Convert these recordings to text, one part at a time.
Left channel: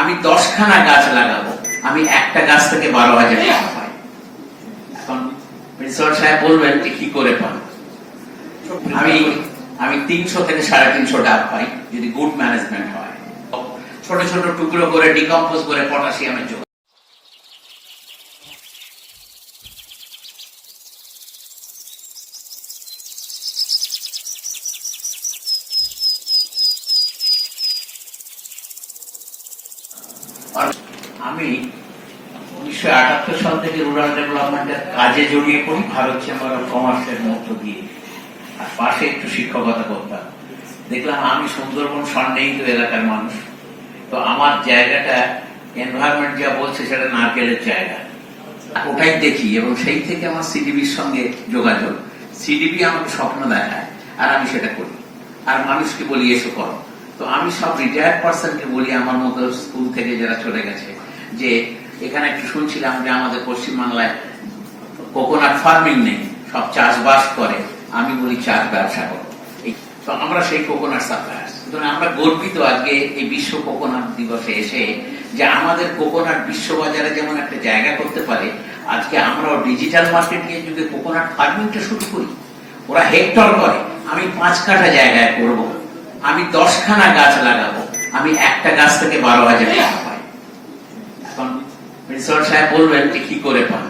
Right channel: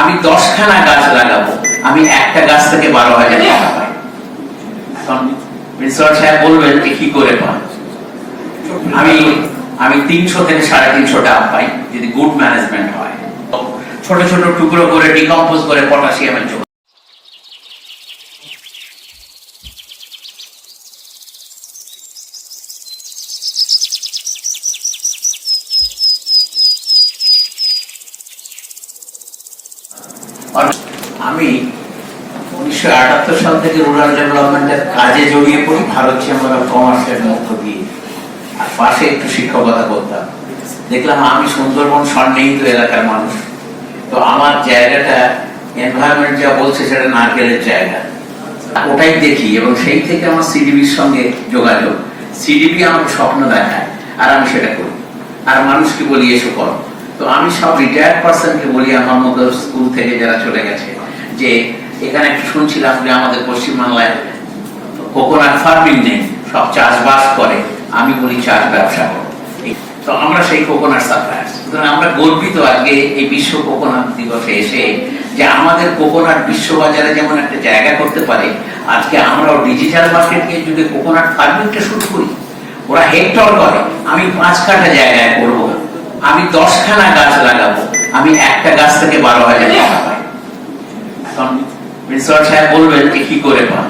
আমি দশখানা গাছ লাগাবো। আমি একটা গাছ থেকে বারো হাজার টাকা পাই। প্রিন্সিপাল সাহেব বলবেন যে কি করে পান। আমি আমি তিনশো থেকে সাড়ে তিনশো টাকা পাই, যদি গুড ম্যানেজমেন্ট হয়। ছোট ছোট টুকরো করে ডিকম্পোজ করে পটাশিয়ামের যোগ আমি উনিশশো আটাত্তর সাল থেকে রুরাল ডেভেলপমেন্টের কাজে জড়িয়ে পড়ি, ভারত চেম্বার কমার্সের মধ্য দিয়ে। আর পাশে একটু শিক্ষকতা করতাম। দেখলাম আমি সুন্দরবন সন্নিহিত এলাকার মানুষ। তো আমার জায়গাটা এনভায়রনমেন্ট যা বলছে সেটা নারকেলের জায়গা। ওটাই দেখি এবং সেই থেকে আমার সিডিবির সঙ্গে যোগাযোগ। সিডিবি আমাকে স্বপ্ন দেখায়, আর আমি সেটা করি। আর মানুষকে বলি, এসো করো। তো আমি সব রিটায়ার্ড পার্সনকে বলি আমার মতো স্কুল থেকে যারা চলে গেছে, যে এখানে একটু শুনছিলাম যে আমাদের পশ্চিমবাংলায় কোকোনাট ফার্মিং নেই, সব চাষবাস করে, আমি বলি চাষ ব্যবসা তো আমরা সেই কোকোনাট সাপ্লায়ার্স সুতরাং আমরা গর্বিত আজকে এই বিশ্ব কোকোনাট দিবসে এসে যে আমাদের কোকোনাট বিশ্ববাজারে যেমন একটা জায়গা করতে পারে, আজকে আমরাও ডিজিটাল মার্কেটকে যদি কোকোনাট ফার্মিংটা শুরু করি, ওরা হেক্টর করে, আমি পাঁচ কাঠা জায়গায় করব আমি দশখানা গাছ লাগাবো। আমি একটা গাছ থেকে বারো হাজার টাকা পাই। সাহেব বলবেন যে কি করে পান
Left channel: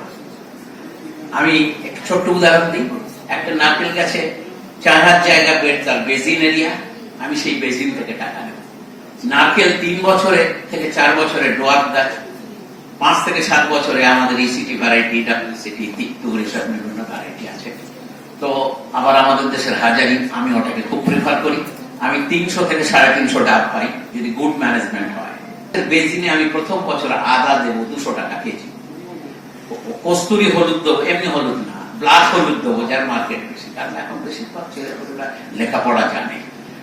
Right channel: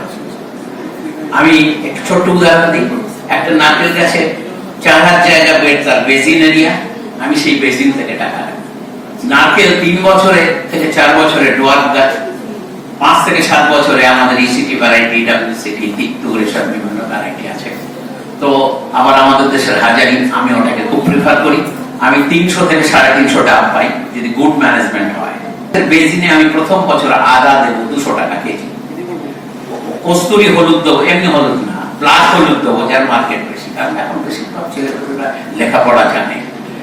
আমি একটু ছোট্ট উদাহরণ দিই। একটা নারকেল গাছে চার জায়গা বেড তার এরিয়া। আমি সেই বেসিন থেকে টাকা নারকেল তিন বছরে থেকে চার বছরে ডোয়ার গাছ, পাঁচ থেকে সাত বছরে আমাদের ইসিটি ভ্যারাইটি ডাব্লিউসিটি তিক্তুর এসব বিভিন্ন ভ্যারাইটি আছে। তো আবার আমাদের দেশের হাজারি আমি ওটাকে খুব প্রিফার করি। আমি তিনশো থেকে সাড়ে তিনশো টাকা পাই, যদি গুড ম্যানেজমেন্ট হয়। বেসিনে আমি প্রথম বছর আদা দেবো, দুশো টাকা কেজি। কস্তুরি হলুদ দেবো, এমনি হলুদ না। ব্লাক হলুদ দেবো, যার মার্কেট বেশি। কারণ এখন বেশিরভাগ লেখাপড়া জানে।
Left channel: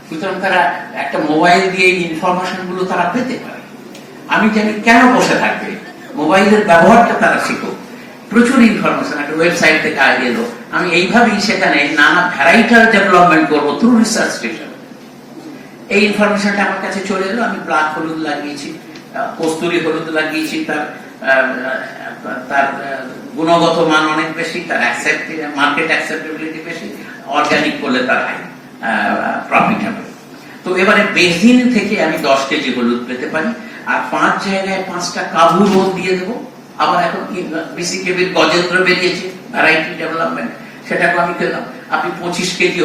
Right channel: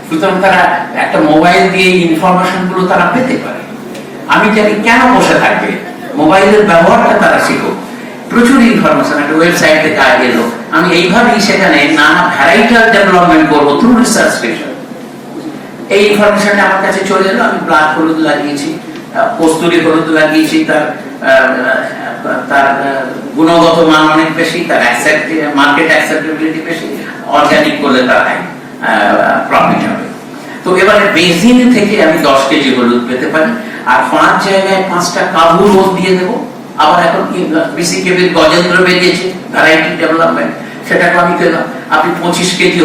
সুতরাং তারা একটা মোবাইল দিয়ে ইনফরমেশনগুলো তারা পেতে পারে। আমি জানি কেন বসে থাকবে। মোবাইলের ব্যবহারটা তারা শিখুক। প্রচুর ইনফরমেশন একটা ওয়েবসাইট থেকে আজ এলো। আমি এইভাবেই সেখানে নানা ভ্যারাইটাল ডেভেলপমেন্ট করব থ্রু রিসার্চ স্টেশন এই ইনফরমেশনটা আমার কাছে চলে এলো, আমি ব্লাক হলুদ লাগিয়েছি কস্তুরি হলুদ লাগিয়েছি, তার তার গুণগত মান অনেক বেশি, তার মার্কেট অ্যাকসেপ্টেবিলিটি বেশি অর্গানিক করলে তার প্রফিট হবে। তো এবারে বেসিন থেকে আমি দশ কেজি হলুদ পেতে পারি, আর পাঁচ জায়গায় পাঁচটা কাবু রোদ দিয়ে দেবো। আবার এখন বিসি কেবির গজেন্দ্র বেরিয়েছে ভ্যারাইটি ডেভেলপমেন্ট সেটাকে আমি পেলাম আপনি পঁচিশ কেজি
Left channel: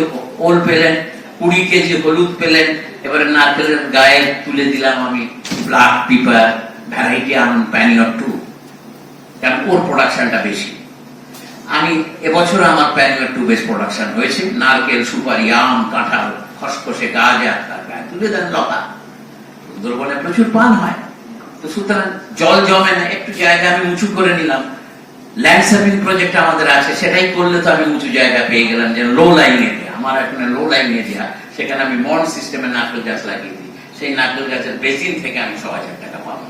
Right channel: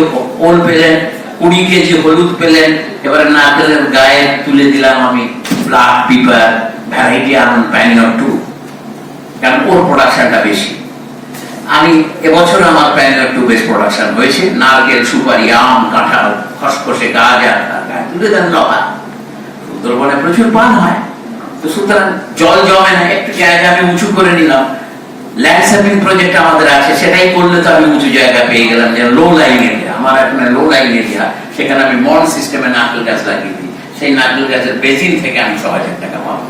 ওল পেলেন কুড়ি কেজি হলুদ পেলেন, এবারে নারকেলের গায়ে তুলে দিলাম আমি black pepper variety Anand Panniyur two কারণ ওর প্রোডাকশনটা বেশি। আমি এবছর আমার প্যানিয়র টু বেশ প্রোডাকশন হয়েছে। নারকেল, সুপারি, আম, কাঁঠাল, খসখসে আর গায়ে তুলে দেন লতা। সুন্দরবনে প্রচুর পান হয়। তো সুতরাং জল জমে না, একটু জায়গা আমি উঁচু করে নিলাম। ল্যান্ডস্কেপিং প্রজেক্ট আমাদের আছে, সেটাই করলে তো আমি উঁচু জায়গা পেয়ে গেলাম, যে লো লাইন এরিয়া আমার এখন লাইন এরিয়া সেখানে আমি মন সিস্টেমে নারকেল গাছ লাগিয়ে দিই। সেই নারকেল গাছের বেসিন থেকে আমি ছ হাজার টাকা পাবো।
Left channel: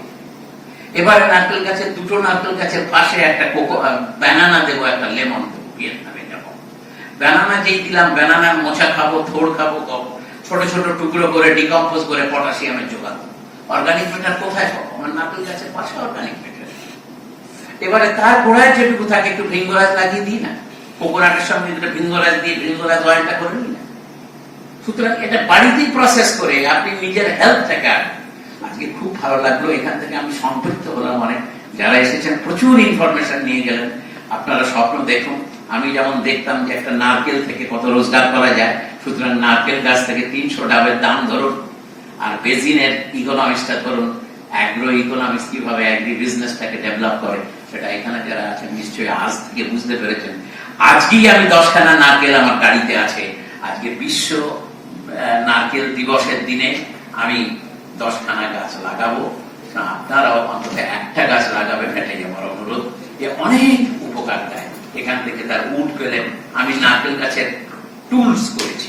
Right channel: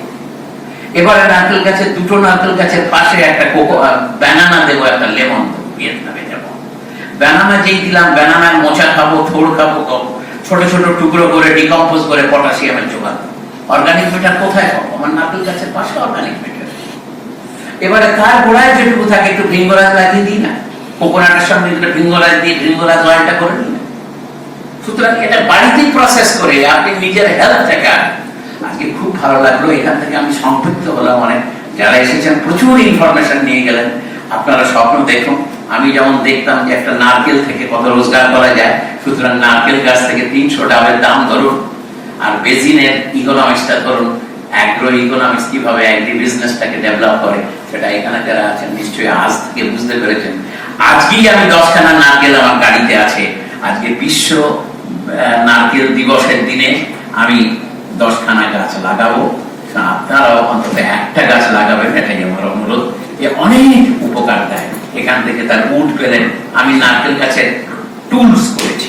এবারে নারকেল গাছের, দুটো নারকেল গাছের পাশে একটা কোকো ব্যানানা দেবো, একটা লেমন ভিয়েতনামে যাব ব্যানানা যেই দিলাম ব্যানানার মোচা খাব, থোড় খাব ছোট ছোট টুকরো করে ডিকম্পোজ করে পটাশিয়ামের জোগাড়। অর্গানিক ম্যাটার কোথায় পাবো? আমার নারকেল গাছের পাশে অর্গানিক ম্যাটার এবারে তার গোড়ায় যেটুকু থাকে, একটু ভিঙ্গরাজ লাগিয়ে দিই না? কোকোনাটের সঙ্গে একটু ভিঙ্গরাজ দিয়ে ভিঙ্গরাজ অয়েলটা করে নিই না সুতরাং এটা বাড়িতেই প্রসেস করে, আপনি নিজের হেলথটাকে আজকে খুব ভালো লাগল, এখান থেকে আমি সম্পৃক্ত হলাম অনেক। যারা এসেছেন, প্রচুর ইনফরমেশন নিয়ে গেলেন। আপনারা স্বপ্ন দেখুন, আমি যেমন দেখতাম যে একটা নারকেল থেকে কত রোজগার করা যায়, সুতরাং নারকেল গাছ থেকে তিনশো ডাবের দাম ধরুন। আর বেজিনের ইকোনমিক্সটা ধরুন অ্যাগ্রো ইকোনমিক্স কীভাবে অ্যাগ্রি বিজনেসটাকে ডেভেলপ করে, সেটা এখানে যারা আছেন, নিশ্চয়ই আজ থেকে বুঝতে পেরেছেন। আজকেই আমি দশখানা নারকেল আমার গাড়িতে আছে। আজকে বিশ্ব নারকেল দিবসের দিনে আমি দশখানা গাছ লাগাবো। আপনারাও অন্তত একটা গাছ লাগাবেন, এটাই আমার অনুরোধ। এ অনেক উপকার দেয়। এখান থেকে তার উড পেলেন। আমি নারকেল গাছের টুলস করেছি।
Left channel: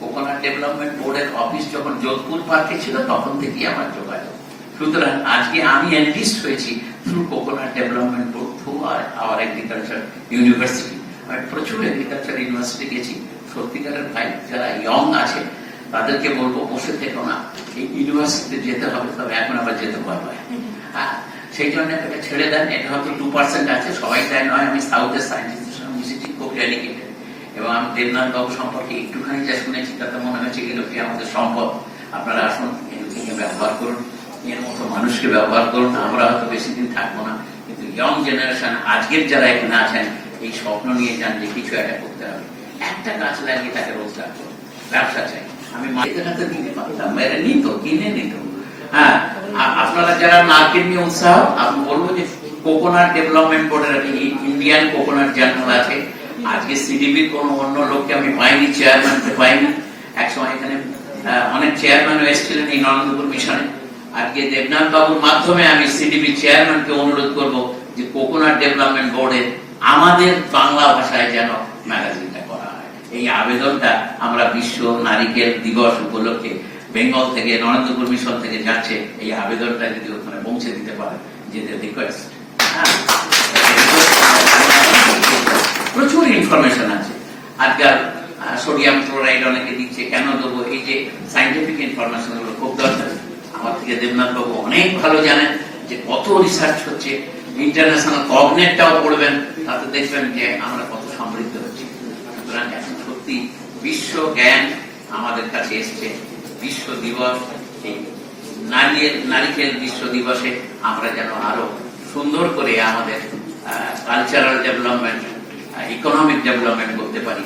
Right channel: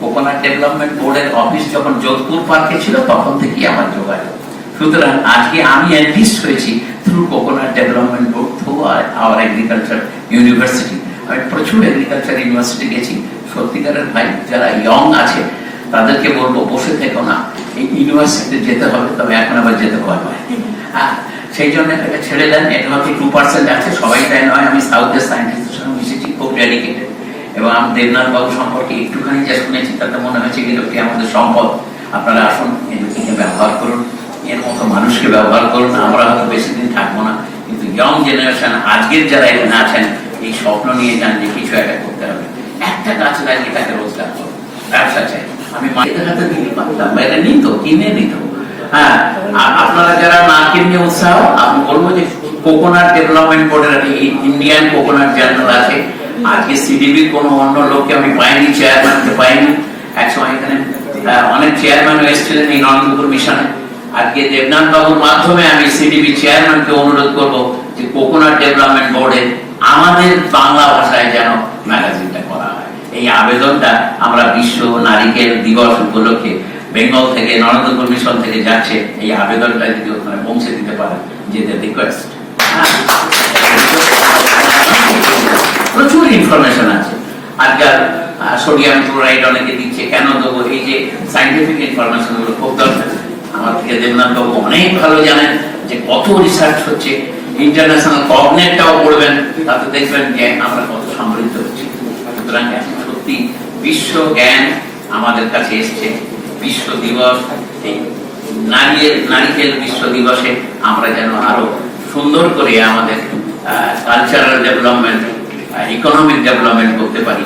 কোকোনাট ডেভেলপমেন্ট বোর্ডের অফিস যখন যোধপুর পার্কে ছিল, তখন থেকেই আমার যোগাযোগ। সুতরাং আজকে আমি এনলিস্ট হয়েছি through coconut development board through our agriculture university আমি প্রচুর এগ্রিকালচার ইউনিভার্সিটি গেছি। সত্যিকারের ভাই যারা ইয়ং আছে তাদেরকে বলব বসে থেকো না। এই ইউনিভার্সিটিতে যেতে হবে তবে এখন আবার যেতে পায়। হ্যাঁ, সেই জন্য এটা ছেড়ে দেন। এটা মাত্র টু পার্সেন্ট আছে সবাই তাই নয়। আমি সাউথের সায়েন্টিস্টের সঙ্গে মিশেছি খুব ডেডিকেটেড এবং আমি দেবনাথ বাবু সম্পর্কে একটুখানি যা শুনেছি তাতে মনে হচ্ছে কি আমাদের সম্পদ। আপনারা আসুন এদেরকে ব্যবহার করুন। এর মতো মানুষকে ব্যবহার করুন। আমরা হয়তো বেশি দিন থাকব না। কিন্তু ইয়ং জেনারেশন আজকের যারা এখানে আছেন এই স্বপ্ন নিয়ে যান যে কিছু একটা করতে হবে। একটা গাছ লাগিয়ে তাকে রোজগার করুন ব্যবসা চাই। আমি মায়েদের হাতে দিতে পারতাম বাইরে নিত কিনে নিত হ্যাঁ আর আপনারা যারা উৎসাহ, আমি বলব যে কোকোনাট ডেভেলপমেন্ট বোর্ডের ইন্ডিয়ান কোকোনাট জার্নাল আছে। আজকে অন্য লোককে আমি পাইনি, চেয়ারম্যানকে পাইনি। একসময় এখানে অনেক চেয়ারম্যান এসেছিলেন এই মিশনে। আজকে দেবনাথ বাবুর মাধ্যমে আমি সিডিবি চেয়ারম্যানকে অনুরোধ করব যে কোকোনাট ডেভেলপমেন্ট বোর্ডে আমাদের বাংলা ভাষায় যেন ম্যাগাজিনটা করা হয়। এই আবেদনটা আমরা বিশ্ব নারিকেল দিবস উপলক্ষে বেঙ্গল থেকে নরেন্দ্রপুর মিশন থেকে যাচ্ছে, এই আবেদনটা যদি ওখানে পৌঁছে দিতে পারে যে রিকোয়েস্ট প্রচুর ইনফরমেশন আছে। আজকাল সোডিয়াম ক্লোরাইড অনেকে দিচ্ছে, কেন দেবো? এই যে সাইন্টিফিক ইনফরমেশনগুলো খুব দরকার। আমার থেকে দেবনাথ বাবু অনেক ভালো জানেন যে কত রিসার্চ হচ্ছে। ইন্টারন্যাশনাল কগনেটটাও পড়বেন তাতে দেখবেন যে আমরা কত সমৃদ্ধ হচ্ছি। সুতরাং সত্যি বিশ্ব জ্ঞান আমাদের কাছে এসছে। বিশ্ব দিবস, এই নারীর নারিকেল বিশ্ব দিবসে আমরা যেন আরও সুন্দর করে আমাদের কালচারাল ডেভেলপমেন্ট ইকোনমিক ডেভেলপমেন্ট করতে পারি।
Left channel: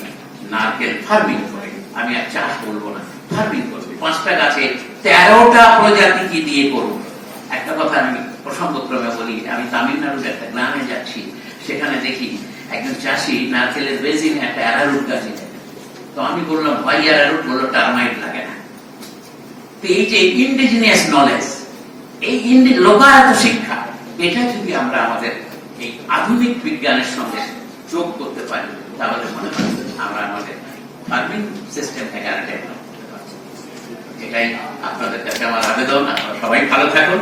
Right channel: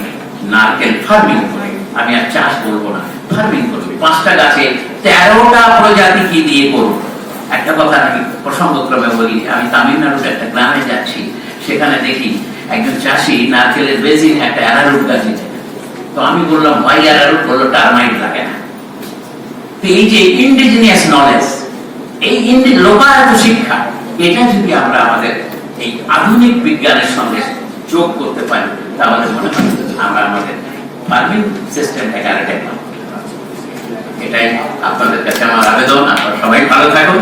নারকেল ফার্মিং করে। আমি আর চাষ করব না ফার্মিং করব। পাঁচটা গাছে তেরোটা প্রজাতি কি দিয়ে করব? একটা কথা আমি প্রসঙ্গক্রমে বলি, আমি তামিলনাড়ুর একটা গ্রামে যাচ্ছি, সেখানে দেখি একজন চাষি নারকেলের বেজিং একটা অ্যারারুট গাছ দিতে তো আমি বললাম ভাই অ্যারারুট? বলল টার্মাইট লাগে না। তো এই যে ইন্ডিজিনিয়াস নলেজ এই লোকায়ত শিক্ষা, এটা যদি আমরা আমাদের এই আধুনিক বিজ্ঞানের সঙ্গে যোগ করতে পারি, তাহলে মনে হয় আমরা আমাদের ফার্মিং সিস্টেমটাকে আরেকটা এটাই আপনাদের কাছে আমার আবেদন, আপনারা সবাই ভালো থাকুন।